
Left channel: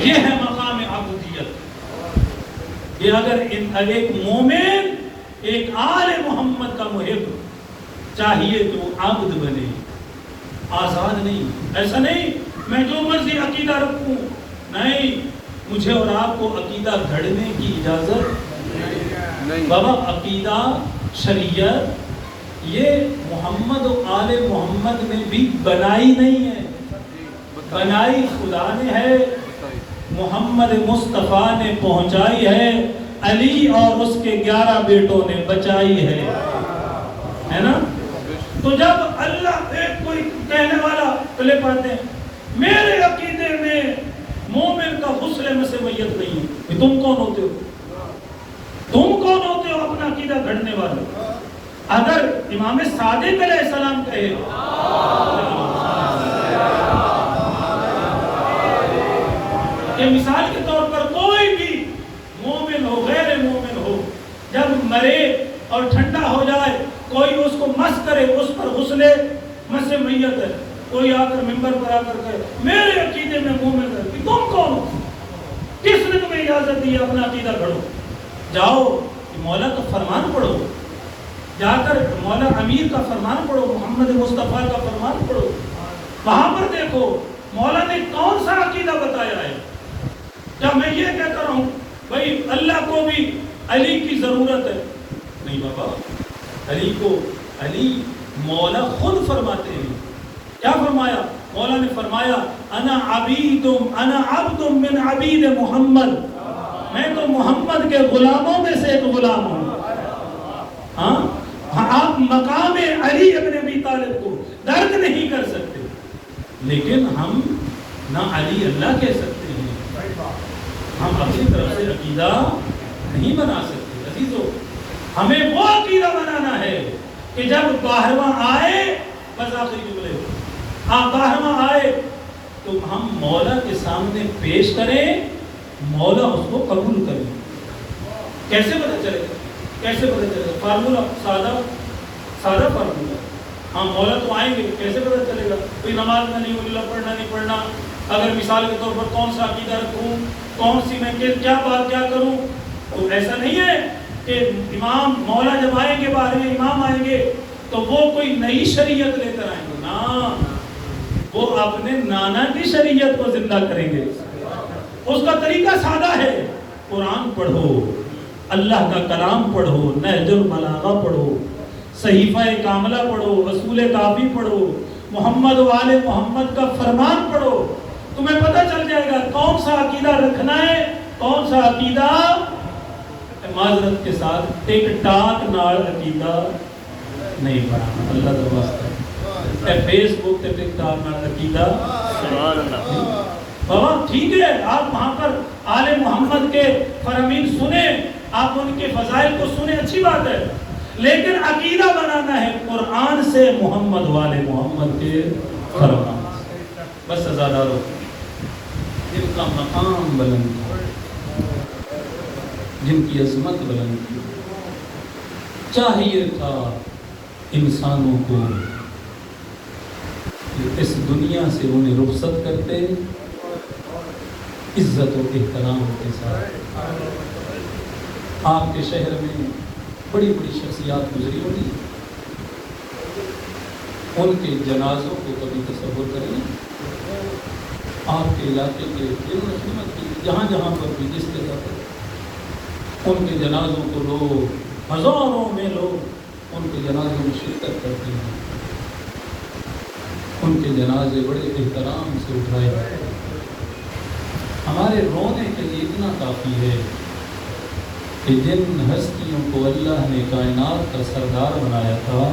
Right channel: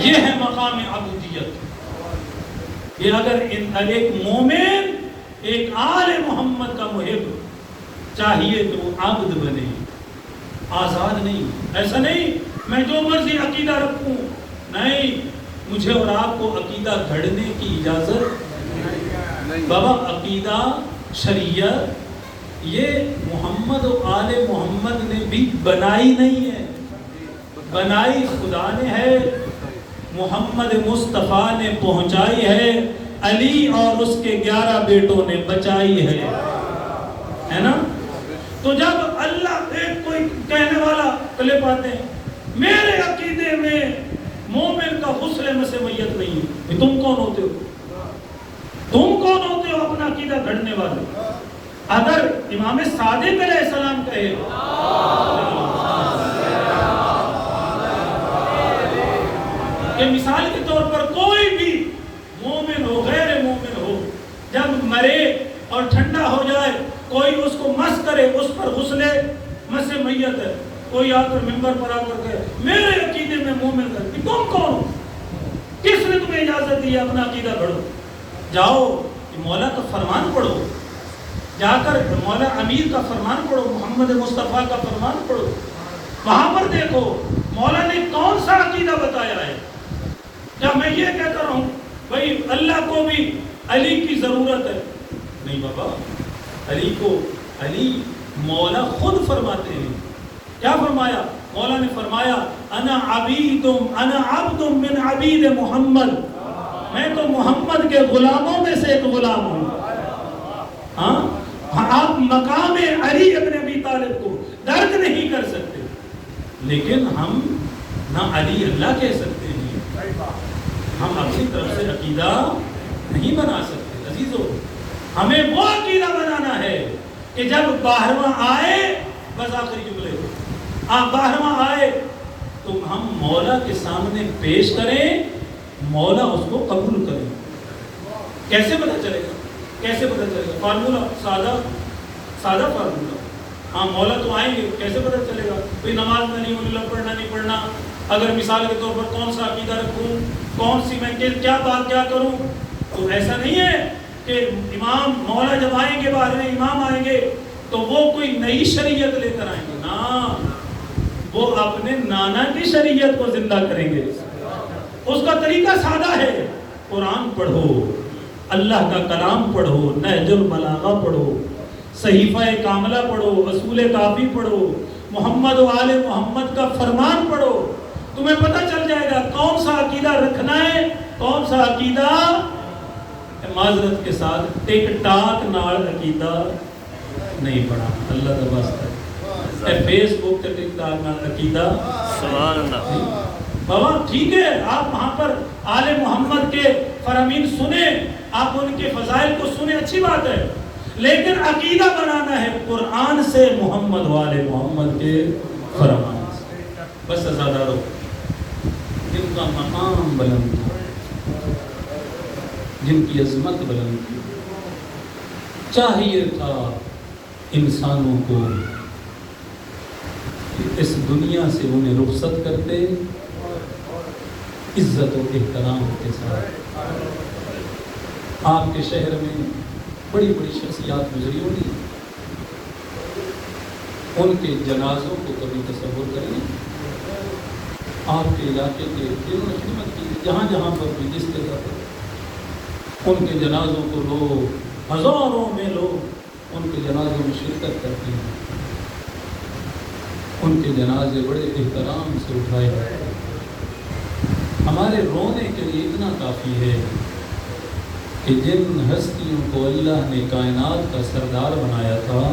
یہ ہے مقام عبودیت۔ یہ اگر ایک مومن، ایک آل محمد کا محب چاہیے تو عبد بنے، آزاد نہیں۔ ایسا نہیں میں جو مرضی عقیدہ رکھوں، نہیں، مجھے اور آپ کو عقیدہ گھڑنے کی اجازت نہیں۔ بابا عقیدہ، شریعت یہ محمد و آل محمد نے بھی بنائی نہیں ہے، بنائی خدا نے ہے، محمد مصطفیٰ نے پہنچائی ہے، علی اور اس کے 11 بیٹوں نے بچائی ہے نا؟ تو جب اللہ ایک کوئی کہنے والا کلپ آتے ہیں میرے عقیدے میں مومن کا غسل مس میت نہیں ہے، تم کون ہوتے ہو؟ تم کون ہوتے ہو اپنا عقیدہ گھڑنے والے؟ اگر امام صادق علیہ السلام کہے کہ مثال کے طور پر کوئی بھی مومن ہو، غیر مومن ہو، جب مرے اور ٹھنڈا ہو جائے کوئی اس کو مس کرے، اس پر غسل مس میت ہے، کوئی آ کر ممبر پر آ کر کہے میرے عقیدے میں مومن ہے، کہ تم کون ہو؟ کس نے تمہیں اجازت دی اپنا عقیدہ گھڑو؟ جاؤ مولا کا فرمان پڑھو، جا کر مولا امیر کا فرمان پڑھو، محمد مصطفیٰ کا فرمان پڑھو، وہاں پر دیکھو مولا نے کون سا عقیدہ بتایا ہے۔ جب میں یہ کہتا رہوں بھائی اللہ کو بھی علی کی ضرورت ہے، نہیں بابا، علی کو علی مولا خود فرماتے ہیں. کیا فرمایا؟ مولا نے فرمایا انا عبد من عبید محمد، میں تو محمد کے غلاموں میں سے ایک غلام ہوں. ہاں آپ مقام علی ابن ابی طالب کو درک نہیں کر سکتے، لیکن ہم نہ علی اللہ کہہ سکتے ہیں، ہم اپنی طرف سے عقیدہ نہیں بنا سکتے. عزیزو، ہمیں وہ عقیدہ بنانا ہے کہ جب 12واں آئے، بس آخری جملے ہو، آپ 12واں آئے تو ہم مولا کے سامنے پیش کریں، مولا اس کو قبول کریں. کیسے پتہ چلے گا؟ کیسے پتہ چلے گا؟ فارمولا سادہ فارمولا. ہاں مولا تو آئیں گے، کیسے پتہ چلے گا؟ کوئی نماز میں نہیں، اللہ پڑھنا نہیں پڑھنا، اگر مثال کے طور پر کون سا عقیدہ رکھوں، کون سی میں کیا بات کیا کروں، تو ایسا نہیں ہے کہ امام مولا جب آئیں گے، 12ویں امام آئیں گے تو وہ کوئی نئی شریعت لے کر آئیں گے. نا، وہ اپنے نانا کی شریعت کو زندہ کریں گے. اس کا طریقہ سادہ ہے، قرآن پڑھو، اللہ کا کلام پڑھو، نہج البلاغہ پڑھو، صحیفہ کاملہ پڑھو، اصول کافی پڑھو، محمد و آل محمد کا فرمان پڑھو. تمہیں پتہ چل جائے گا کون سا عقیدہ رکھنا ہے، کون سا عقیدہ. معذرت کے ساتھ ٹک ٹاک نال عقیدہ نہیں پڑھا. اللہ کا واسطہ فیس بک تے ٹک ٹاک نال عقیدہ سبحان اللہ. بابا ٹھیک ہے، آپ وہاں پر آل محمد کے فرامین سنیں، آپ ان کے فضائل کو سنیں، اچھی بات ہے، لیکن عقیدہ بنانا ہے قرآن سے، محمد والے محمد کے فرمان سے. بس عزادارو، جن کا مقام بلند تھا، جن کی عظمت بلند تھی، چاہیے تھا انسانوں کو کہ اس دنیا سے انہیں رخصت کرتے عزت و احترام کے ساتھ. آپ کے شہر میں بڑی بڑی شخصیات گزری ہوگی، ان کے جنازوں کو کبھی تصور کریں. آپ کے علاقے کے جہاں جہاں پر بھی جس جگہ پر ان کے جنازوں کو لوگ، ہزاروں میں لوگ ان کے جنازوں میں شرکت کرتے ہیں. ان کے جنازے بڑے احترام سے اٹھائے جاتے ہیں. ہمارے رونے کے لیے اتنا کافی ہے کہ جن ہستیوں کو اللہ نے کائنات کا سردار بنایا تھا،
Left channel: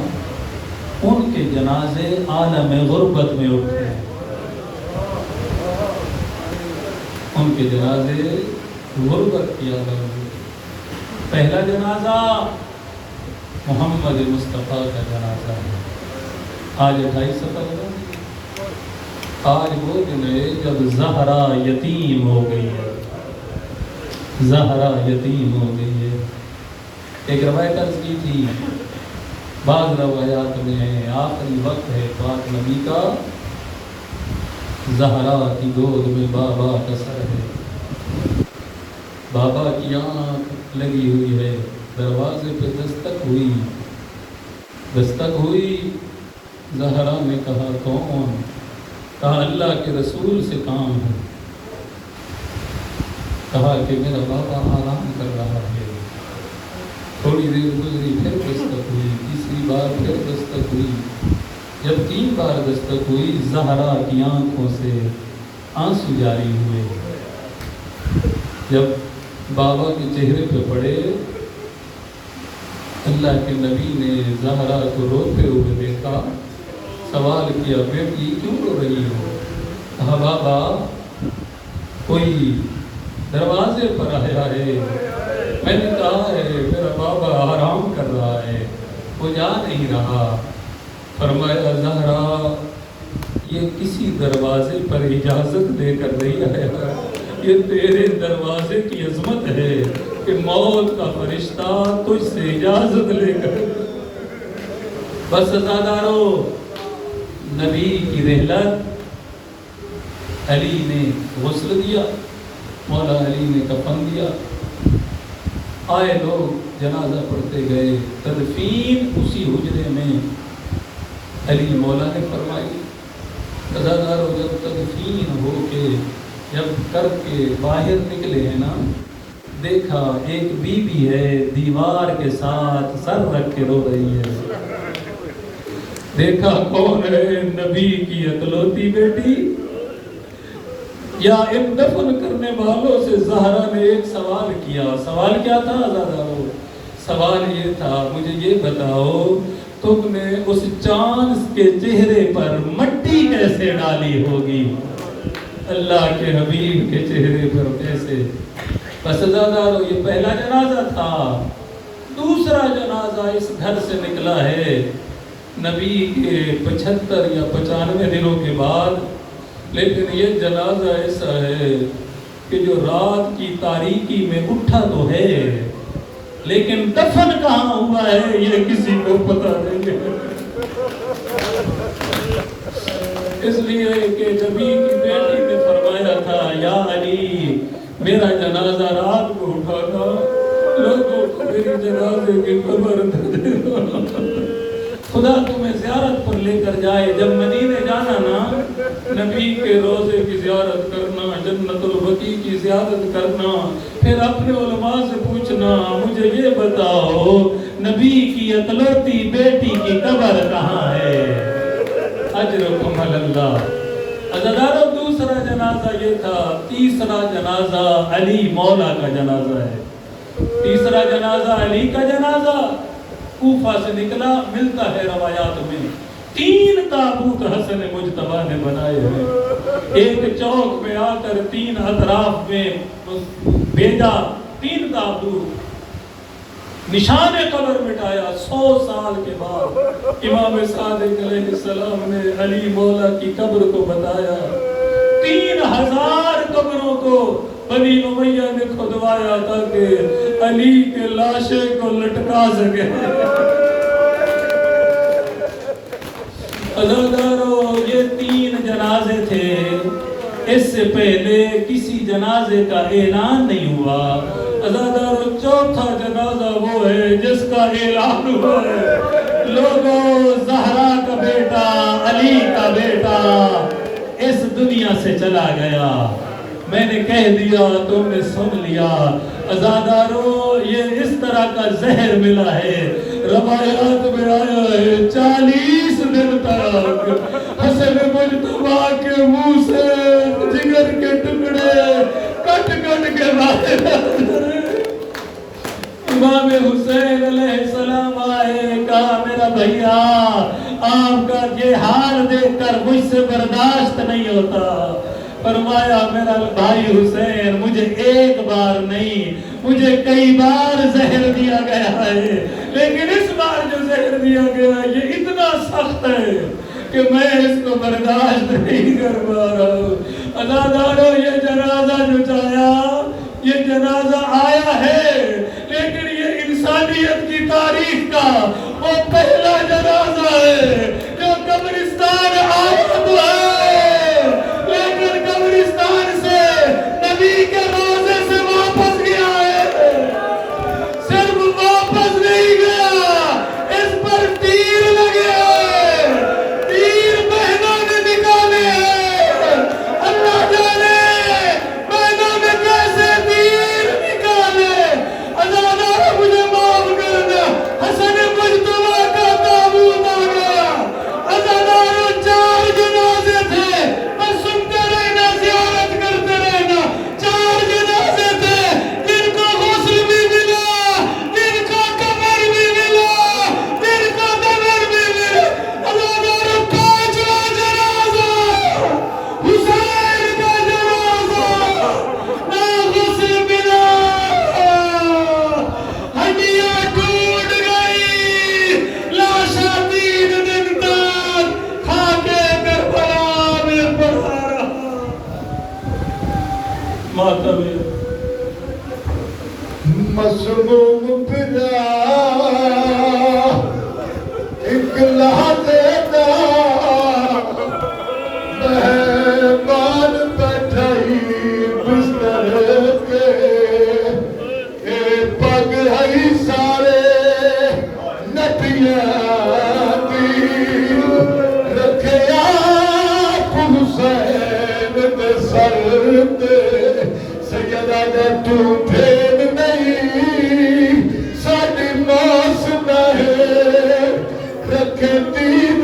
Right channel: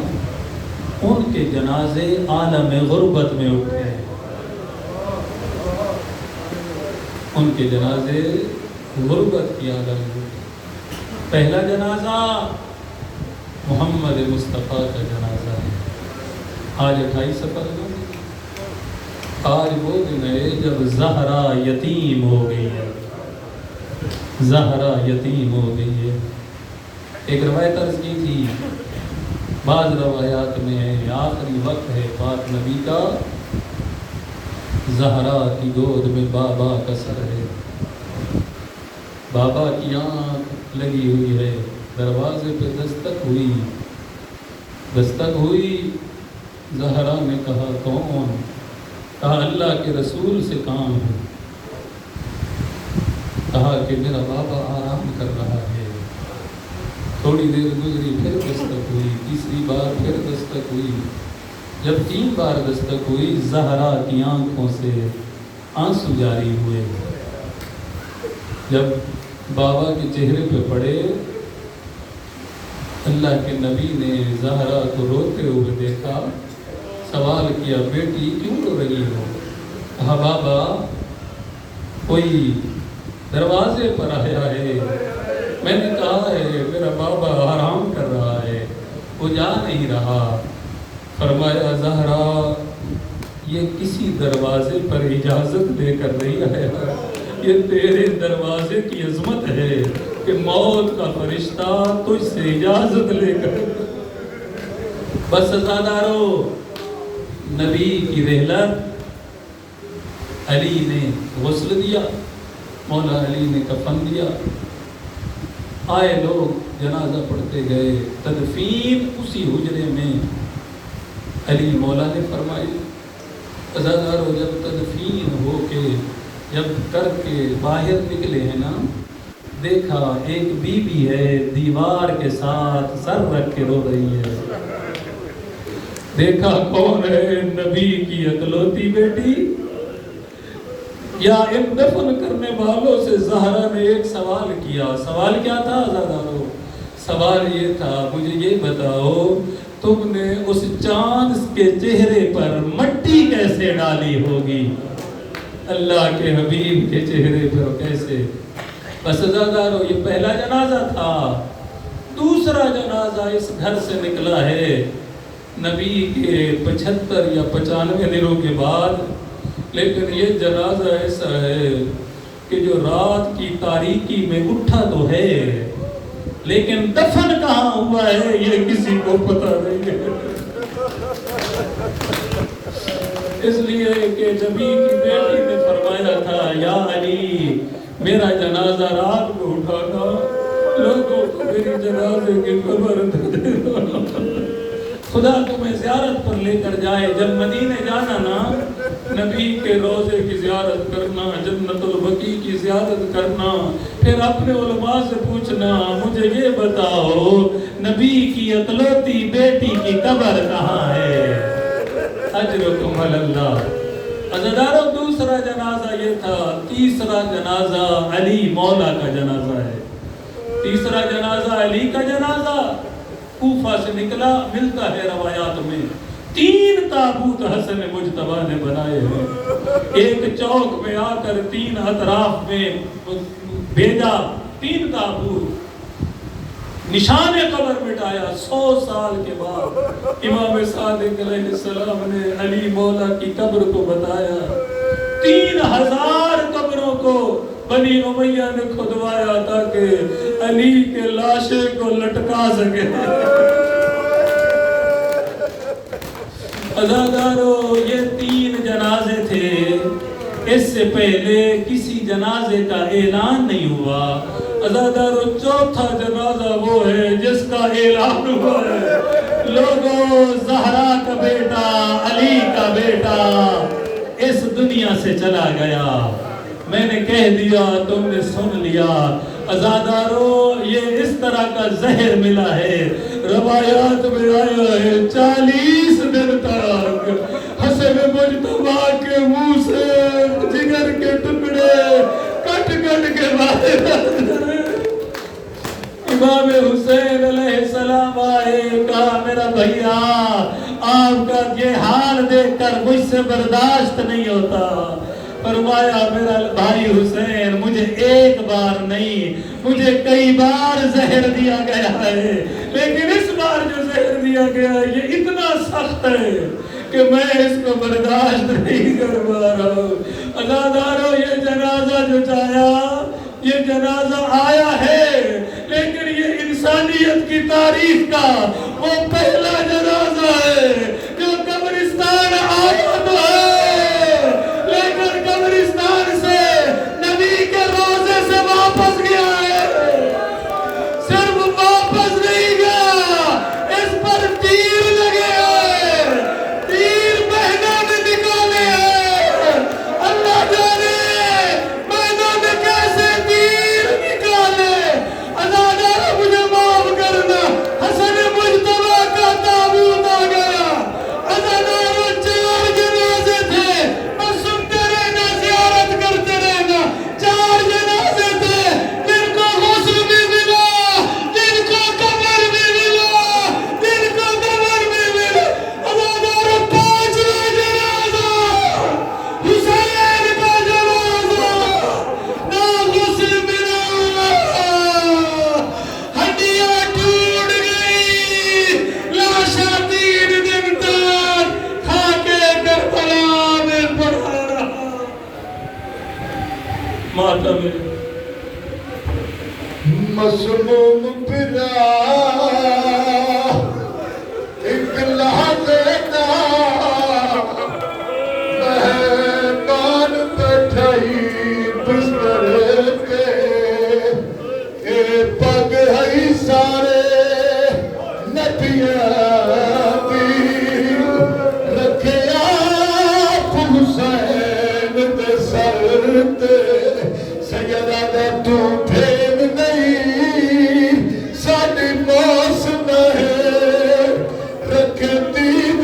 ان کے جنازے عالم غربت میں اٹھے. ان کے جنازے غربت کی عالم میں. پہلا جنازہ محمد مصطفیٰ کا جنازہ ہے. آج 28 سفر ہے. آج وہ دن ہے جب زہرا یتیم ہو گئی ہے. زہرا یتیم ہو گئی ہے. ایک روایت عرض کی تھی، بعض روایات میں ہے آخری وقت ہے پاک نبی کا، زہرا کی گود میں بابا کا سر ہے. بابا کی آنکھ لگی ہوئی ہے. دروازے پہ دستک ہوئی. زہرا نے کہا کون؟ کہا اللہ کے رسول سے کام ہے. کہا کہ میرا بابا آرام کر رہا ہے. تھوڑی دیر گزری، پھر دستک ہوئی. تیسری بار پھر دستک ہوئی. جب 3 بار دستک ہوئی، زہرا کی آنکھوں سے آنسو جاری ہوئے. جب بابا کے چہرے پہ پڑے، اللہ کے نبی نے زہرا کو روتے ہوئے دیکھا. سوال کیا، بیٹی کیوں رو رہی ہو؟ کہا بابا کوئی دروازے پر آیا ہے، میں نے کہا ہے میرا بابا آرام کر رہا ہے، وہ جا نہیں رہا. فرمایا زہرا یہ کسی دروازے پر اجازت لے کر نہیں آیا، یہ تیرے دروازے کی عظمت ہے کہ موت کا فرشتہ تجھ سے اجازت لے کر. بس عزادارو، نبی کی رحلت، علی نے غسل دیا، مولا علی نے کفن دیا. آئے لوگ جنازہ پڑھتے گئے. تدفین اسی حجرے میں علی مولا نے فرمائی. عزادارو، جب تدفین ہو کے جب کر کے باہر نکلے ہیں نا، دیکھا ایک بی بی ہے دیوار کے ساتھ سر رکھ کے رو رہی ہے. دیکھا کون ہے نبی کی اکلوتی بیٹی؟ یا ان دفن کرنے والوں سے زہرا نے ایک سوال کیا. سوال کیا تھا عزیزانو؟ سوال یہ تھا مجھے یہ بتاؤ تم نے اس چاند کے چہرے پر مٹی کیسے ڈالی ہوگی؟ اللہ کے حبیب کے چہرے پر کیسے؟ بس عزیزانو یہ پہلا جنازہ تھا. دوسرا جنازہ اس گھر سے نکلا ہے نبی کے 75 یا 95 دنوں کے بعد. لیکن یہ جنازہ ایسا ہے کہ جو رات کی تاریکی میں اٹھا تو ہے لیکن دفن کہاں ہوا ہے یہ کسی کو پتہ نہیں ہے. اس لیے کہ نبی کی بیٹی نے فرمایا تھا یا علی میرا جنازہ رات میں اٹھانا لوگوں کو میری جنازے کی خبر دے دینا. خدا تمہیں زیارت پر لے کر جائے. جب مدینے جانا نا نبی کے روزے کی زیارت کرنا, جنت البقیع کی زیارت کرنا, پھر اپنے علماء سے پوچھنا مجھے یہ بتاؤ نبی کی اکلوتی بیٹی کی قبر کہاں ہے؟ اجرکم علی اللہ. عزیزانو دوسرا جنازہ یہ تھا. تیسرا جنازہ علی مولا کا جنازہ ہے. تیسرا جنازہ علی کا جنازہ کوفہ سے نکلا. ملتا ہے روایات میں 3 تابوت حسن مجتبیٰ نے بنائے ہیں. ایک چوک میں آ کر 3 اطراف میں بھیجا 3 تابوت. نشان قبر مٹایا. 100 سال کے بعد امام صادق علیہ السلام نے علی مولا کی قبر کو بتایا. 3000 قبروں کو بنی امیہ نے کھدوایا تاکہ علی کے لاشے کو لٹکا سکے. عزیزانو یہ 3 جنازے تھے. اس سے پہلے کسی جنازے کا اعلان نہیں ہوا. عزیزانو چوتھا جنازہ وہ ہے جس کا اعلان ہوا ہے. لوگوں زہرا کا بیٹا علی کا بیٹا اس دنیا سے چلا گیا. میں نے کہہ دیا تم نے سن لیا. عزیزانو یہ اس طرح کا زہر ملا ہے. روایات میں آیا ہے 40 دن تک حسن مجتبیٰ کے منہ سے جگر کے ٹکڑے کٹ کٹ کے باہر آتے رہے. امام حسین علیہ السلام آئے کہا میرا بھیا آپ کا یہ حال دیکھ کر مجھ سے برداشت نہیں ہوتا. فرمایا میرا بھائی حسین مجھے ایک بار نہیں مجھے کئی بار زہر دیا گیا ہے لیکن اس بار جو زہر دیا گیا یہ اتنا سخت ہے کہ میں اس کو برداشت نہیں کر پا رہا ہوں. عزیزانو یہ جنازہ جو چاہیا یہ جنازہ آیا ہے لیکن یہ انسانیت کی تاریخ کا وہ پہلا جنازہ ہے جو قبرستان آیا تو ہے لیکن قبرستان سے نبی کے روزے سے واپس گیا ہے. صرف واپس نہیں گیا اس پر تیر لگے ہیں. تیر مہینوں نے نکالے ہیں. اللہ جانے مہینوں میں کیسے تیر نکالے. عزیزانو مجھے معاف کرنا حسن مجتبیٰ کا تابوت آ گیا. عزیزانو 4 جنازے تھے. بس سنتے رہنا زیارت کرتے رہنا. 4 جنازے تھے جن کو غسل بھی ملا جن کو قبر بھی ملا جن کو قبر بھی ملا. عزیزانو 5واں جنازہ حسین کا جنازہ نہ غسل ملا ہڈیاں ٹوٹ گئی. لاشاں 3 دن تک خاکے کربلا میں پڑا رہا. ماتم مسموم پھرا ایک لحظے کا مہمان بیٹھائی بستر کے اے پگ ہے سارے نٹیاں دی رکھیا حسین دے سر تے. سیدہ دے تو پھیر نہیں ساڈی موس نہ ہے رکھے دین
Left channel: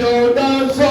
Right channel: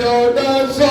1400